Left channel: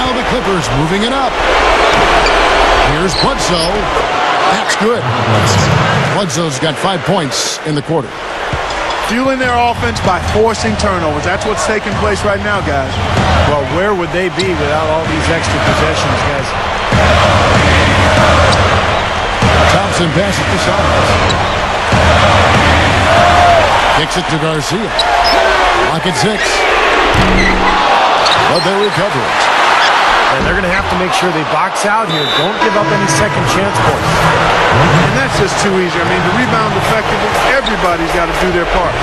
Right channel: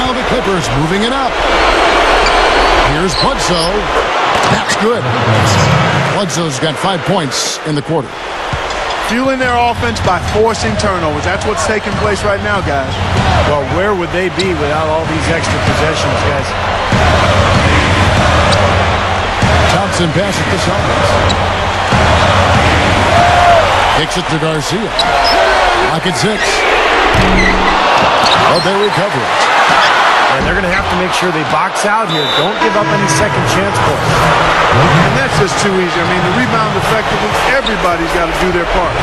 Now the Clippers moving it up. Here's Bledsoe. That's good. Bledsoe's got 5 points in the quarter. Fueling their offense by forcing turnovers. That's what's taking place right now, guys. Well, where would they be without all these extra possessions, guys? Thompson passes to Saunders. Kicks it to Garcia. Lock at 6. But they recover it. And they're going to have to make sure they box out here. Don't give up any second chance points. And that's just too easy. I mean, to rebound effectively, everybody's got to do their part.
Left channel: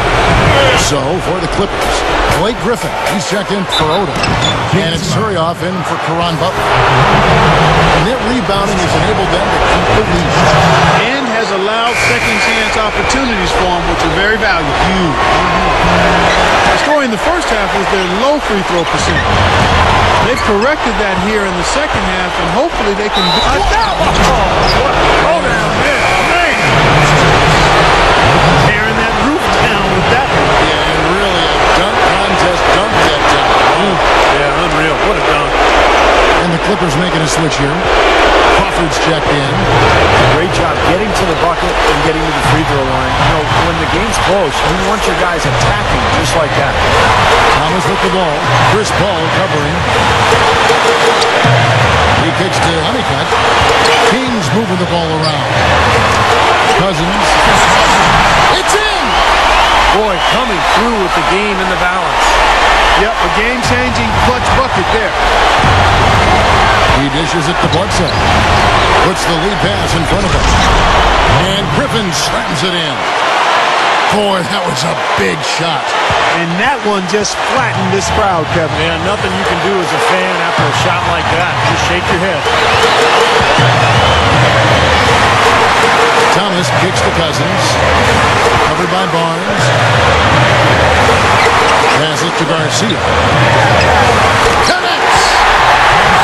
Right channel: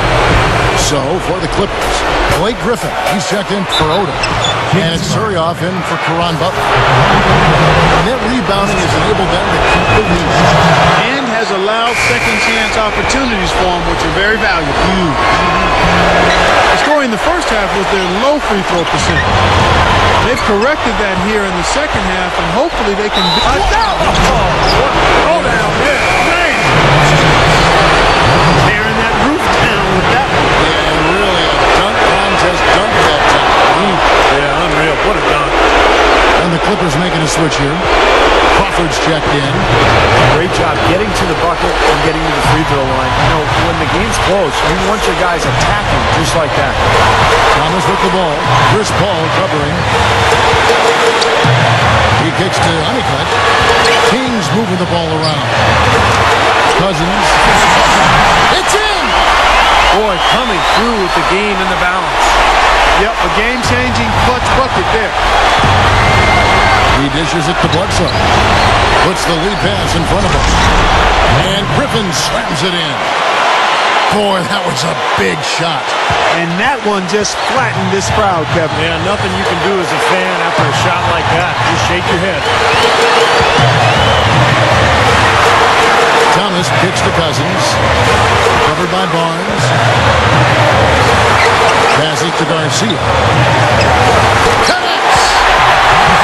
So, for the Clippers, Blake Griffin. He's checked in for Odom. And it's Turioff in for Caron Butler. Net rebounding has enabled them to keep the lead. And has allowed second chance opportunities for them, which are very valuable. Huge. The story in the first half was their low free throw percentage. They've corrected that here in the second half, and hopefully they can be... What a throw down there. Man. Tearing that roof down with that one. Yeah, and really a dunk contest dunk that time. Wow. Yeah, unreal. What a dunk. And the Clippers making a switch here. Crawford's checked in. Great job getting to the bucket and getting to the free throw line. You know, when the game's close, you want your guys attacking just like that. Thomas with the ball. Chris Paul covering. He kicks to Honeycutt. King's moving the ball around. Cousins. It's in! Boy, coming through with the game in the balance. Yep, a game-changing clutch bucket there. He dishes it to Bledsoe. Puts the lead pass in front of him. And Griffin slams it in. Boy, that was a big shot. And that one just flattened this crowd, Kevin. Yeah, nothing you can do as a fan after a shot like that. Just shake your head. Thomas kicks to Cousins. Covered by Barnes. Passes to Garcia. Connects!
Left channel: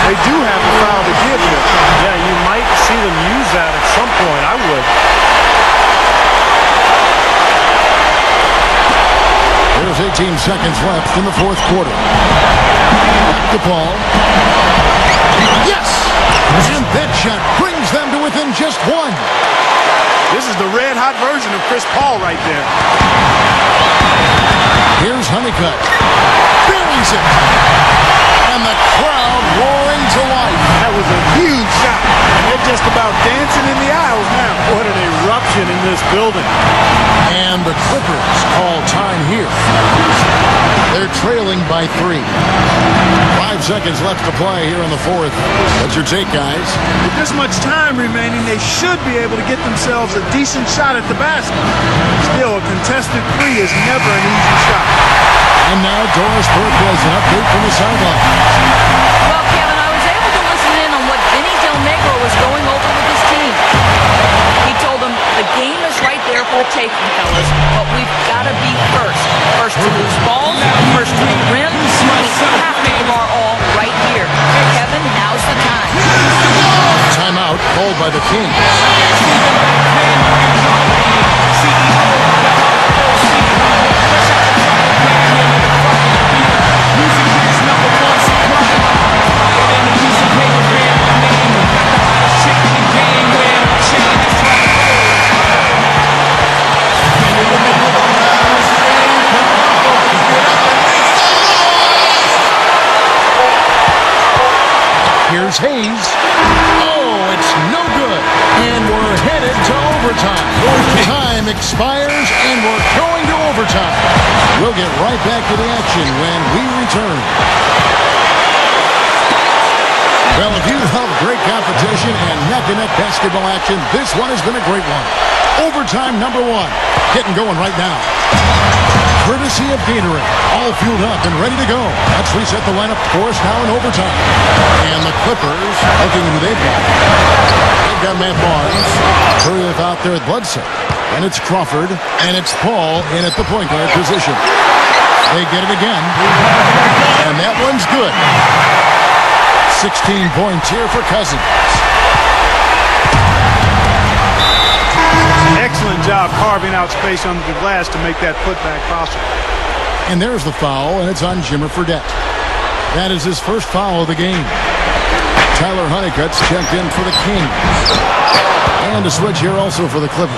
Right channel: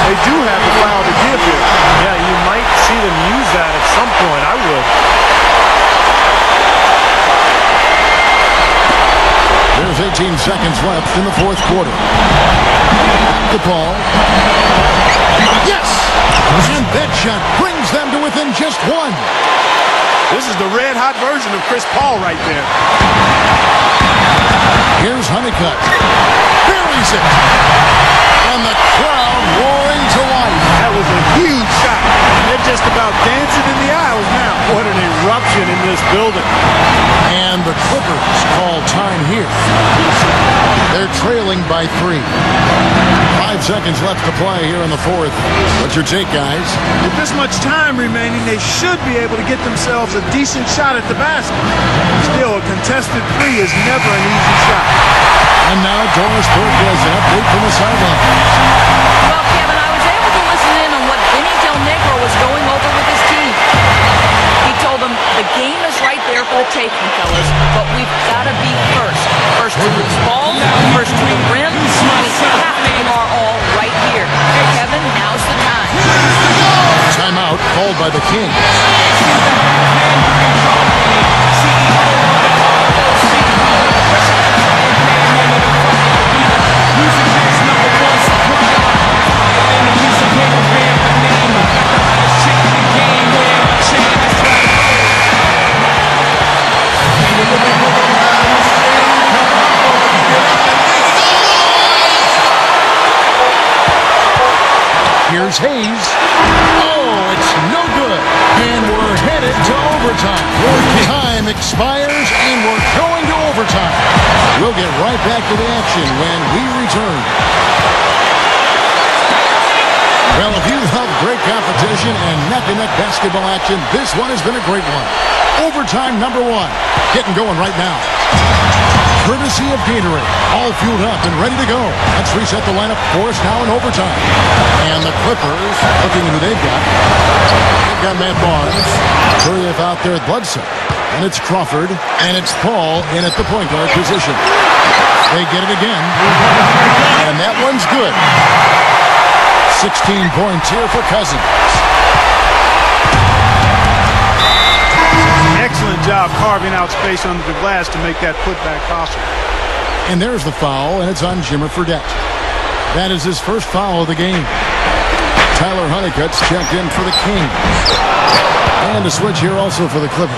They do have a foul to give here. Yeah, you might see them use that at some point. I would. There's 18 seconds left in the fourth quarter. Back to Paul. Yes! And that shot brings them to within just one. This is the red-hot version of Chris Paul right there. Here's Honeycutt. Buries it. And the crowd roaring to life. That was a huge shot. And they're just about dancing in the aisles now. What an eruption in this building. And the Clippers call time here. They're trailing by 3. 5 seconds left to play here in the fourth. What's your take, guys? With this much time remaining, they should be able to get themselves a decent shot at the basket. Still, a contested 3 is never an easy shot. And now Doris Burke has an update from the sidelines. Well, Kevin, I was able to listen in on what Vinny Del Negro was going over with his team. He told them the game is right there for the taking, fellas, but we've got to be first. First to loose balls, first to the rim. We have to give our all right here. Kevin, now's the time. Timeout called by the Kings. Here's Hayes. Oh, it's no good. And we're headed to overtime. Time expires, and we're going to overtime. We'll get right back to the action when we return. Well, if you love great competition and neck-to-neck basketball action, this one has been a great one. Overtime number 1. Getting going right now. Courtesy of Gatorade. All fueled up and ready to go. Let's reset the lineup for us now in overtime. And the Clippers, looking at who they've got. They've got Matt Barnes. Turioff out there at Bledsoe. And it's Crawford. And it's Paul in at the point guard position. They get it again. And that one's good. 16 points here for Cousins. Excellent job carving out space under the glass to make that putback possible. And there's the foul, and it's on Jimmer Fredette. That is his first foul of the game. Tyler Honeycutt's checked in for the Kings. And a switch here also for the Clippers.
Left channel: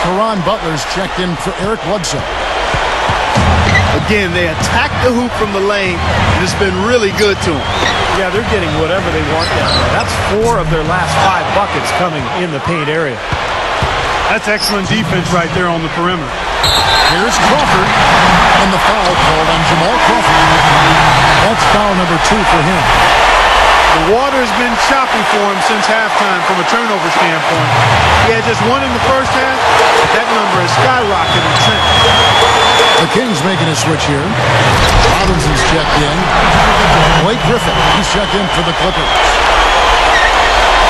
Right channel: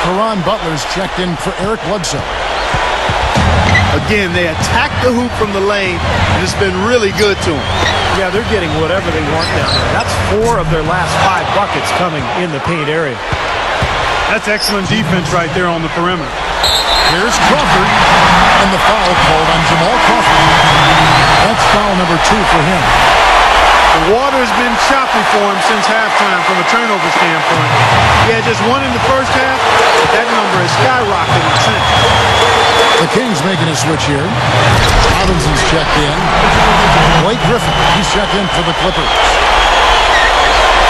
Caron Butler's checked in for Eric Bledsoe. Again, they attack the hoop from the lane, and it's been really good to them. Yeah, they're getting whatever they want down there. That's 4 of their last 5 buckets coming in the paint area. That's excellent defense right there on the perimeter. Here's Crawford, and the foul called on Jamal Crawford. That's foul number 2 for him. The water's been choppy for him since halftime from a turnover standpoint. He had just 1 in the first half, but that number has skyrocketed since. The Kings making a switch here. Robinson's checked in. Blake Griffin, he's checked in for the Clippers.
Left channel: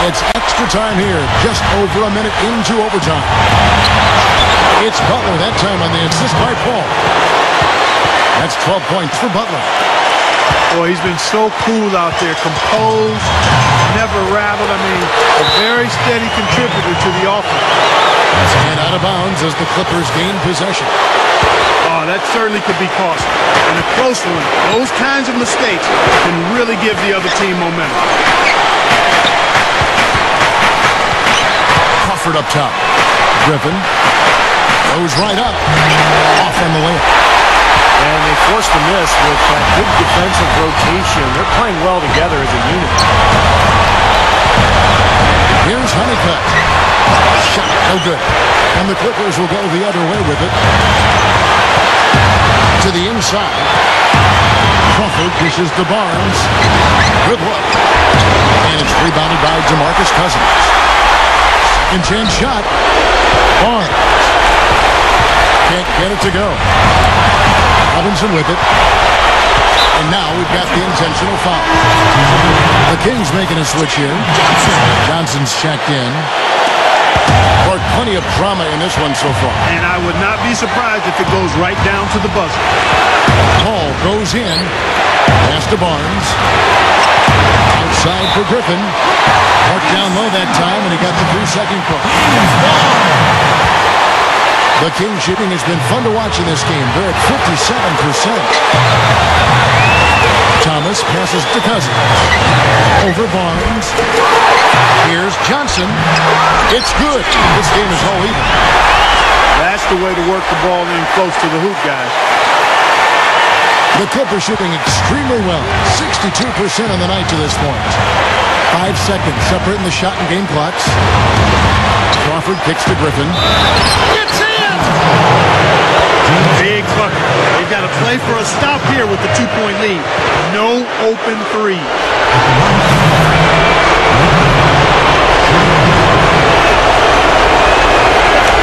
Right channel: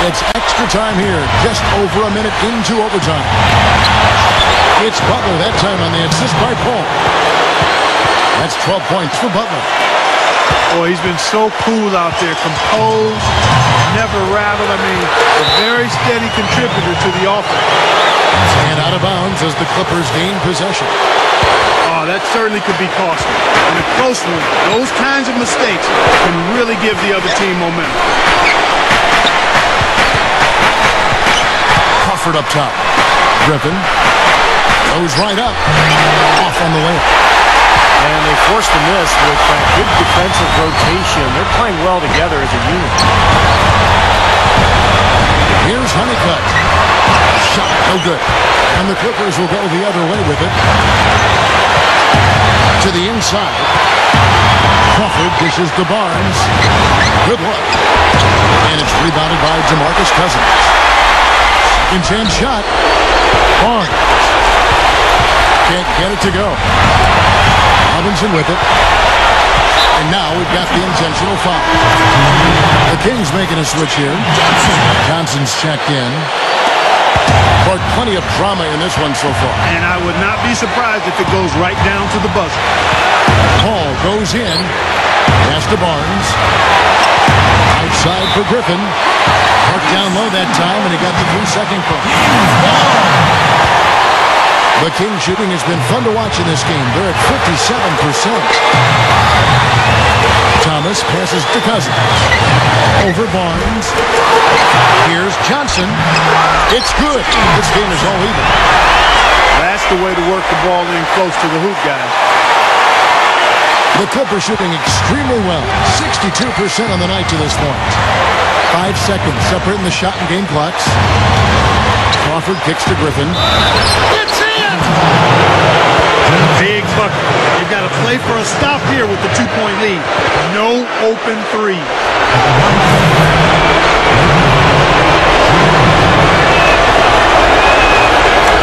It's extra time here, just over a minute into overtime. It's Butler that time on the assist by Paul. That's 12 points for Butler. Boy, he's been so cool out there, composed, never rattled. I mean, a very steady contributor to the offense. And out of bounds as the Clippers gain possession. Oh, that certainly could be costly. In a close one, those kinds of mistakes can really give the other team momentum. Crawford up top. Griffin goes right up. Off on the layup. And they forced the miss with that good defensive rotation. They're playing well together as a unit. Here's Honeycutt. Shot, no good. And the Clippers will go the other way with it. To the inside. Crawford dishes to Barnes. Good look. And it's rebounded by DeMarcus Cousins. Second chance shot. Barnes. Can't get it to go. Robinson with it. And now we've got the intentional foul. The Kings making a switch here. Johnson's checked in. But plenty of drama in this one so far. And I would not be surprised if it goes right down to the buzzer. Paul goes in. Pass to Barnes. Outside for Griffin. Marked down low that time, and he got the 3-second call. The Kings shooting has been fun to watch in this game. They're at 57%. Thomas passes to Cousins. Over Barnes. Here's Johnson. It's good. This game is all even. That's the way to work the ball in close to the hoop, guys. The Clippers shooting extremely well. 62% on the night to this point. 5 seconds separating the shot and game clocks. Crawford kicks to Griffin. It's in! Big bucket. They've got to play for a stop here with the 2-point lead. No open three.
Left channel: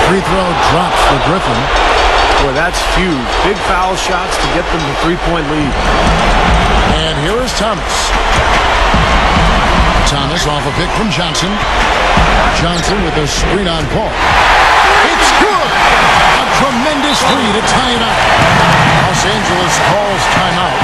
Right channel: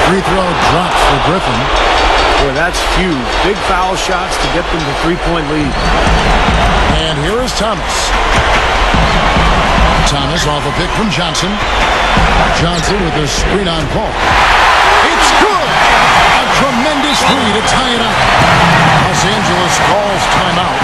Free throw drops for Griffin. Boy, that's huge. Big foul shots to get them the 3-point lead. And here is Thomas. Thomas off a pick from Johnson. Johnson with a screen on Paul. It's good! A tremendous three to tie it up. Los Angeles calls timeout.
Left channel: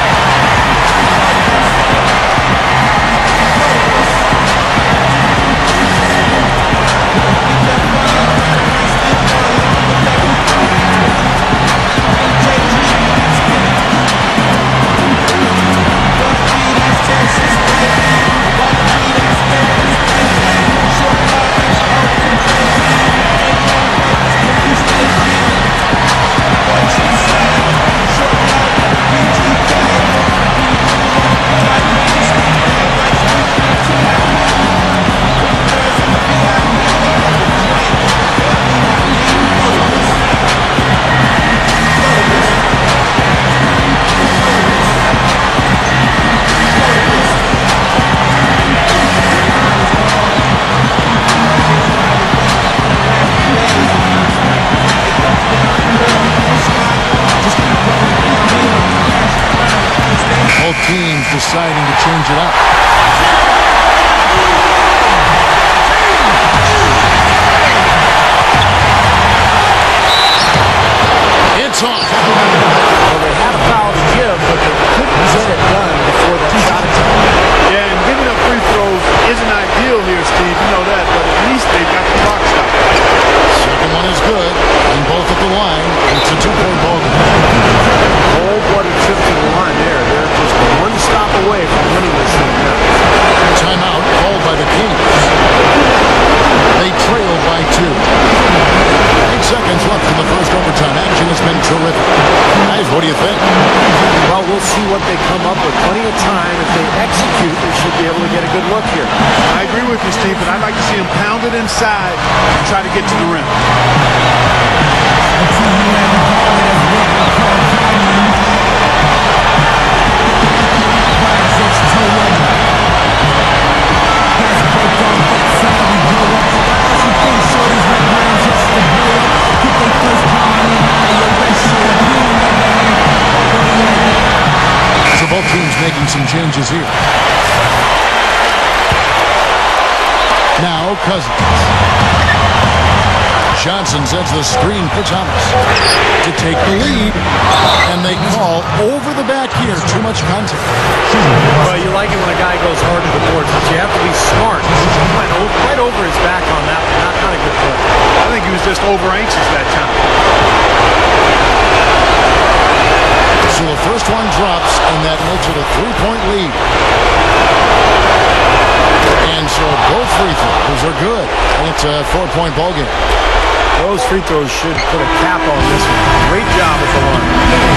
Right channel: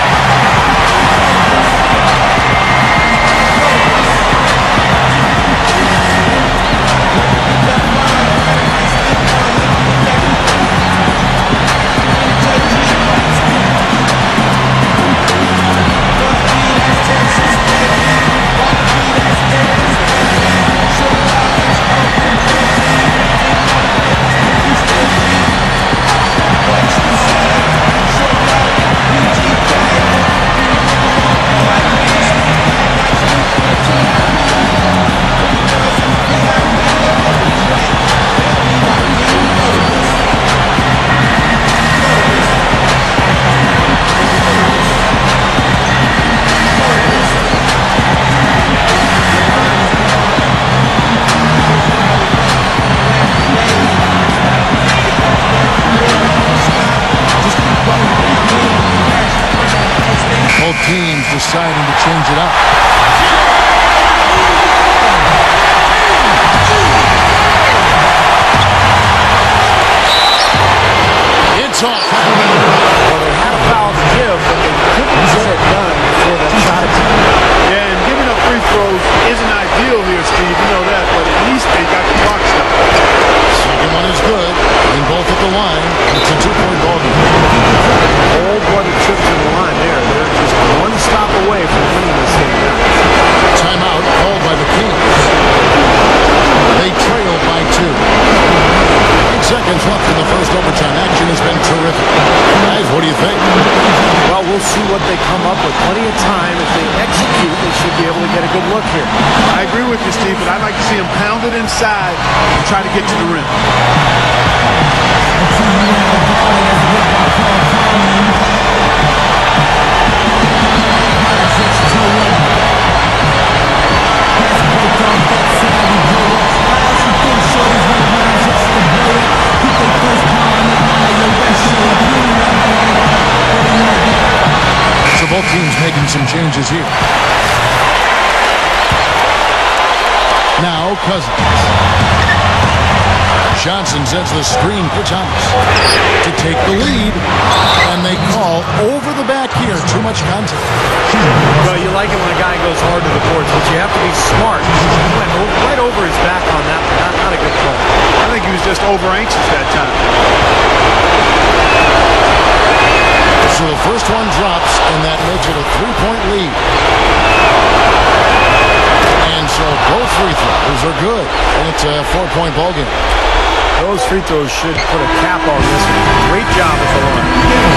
Both teams deciding to change it up. It's off. Well, they had a foul to give, but they couldn't get it done before that shot attempt. Yeah, and giving up free throws isn't ideal here, Steve. You know that, but at least they've got the clock stopped. Second one is good. In both at the line, and it's a 2-point ball game. Cold-blooded trip to the line there. They're just one stop away from winning this thing now. Timeout called by the Kings. They trail by 2. 8 seconds left in the first overtime. Action has been terrific. Guys, what do you think? Well, we'll see what they come up with. Plenty of time. If they execute, they should be able to get a good look here. I agree with you, Steve, but I'd like to see them pound it inside and try to get to the rim. So both teams making some changes here. Now Cousins. Johnson sends the screen for Thomas to take the lead. And they call over the back here. Too much contact. Well, you like it when a guy goes hard to the boards, but you have to be smart. He went right over his back on that one. Not a good play. I think he was just over-anxious that time. So the first one drops, and that makes it a 3-point lead. And so both free throws are good, and it's a 4-point ball game. Those free throws should put a cap on this one. Great job at the line.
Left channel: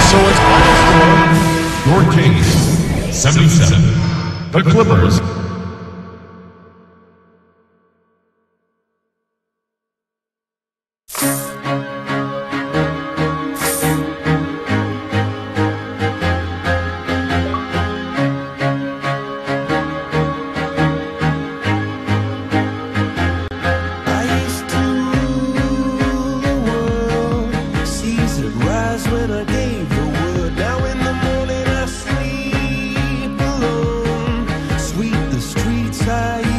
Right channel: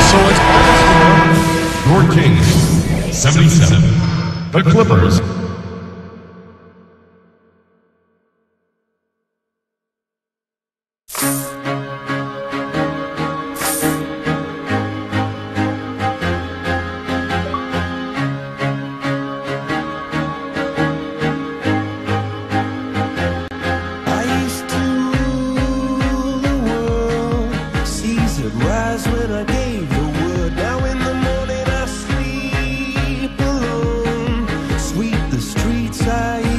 So it's 77. The Clippers. I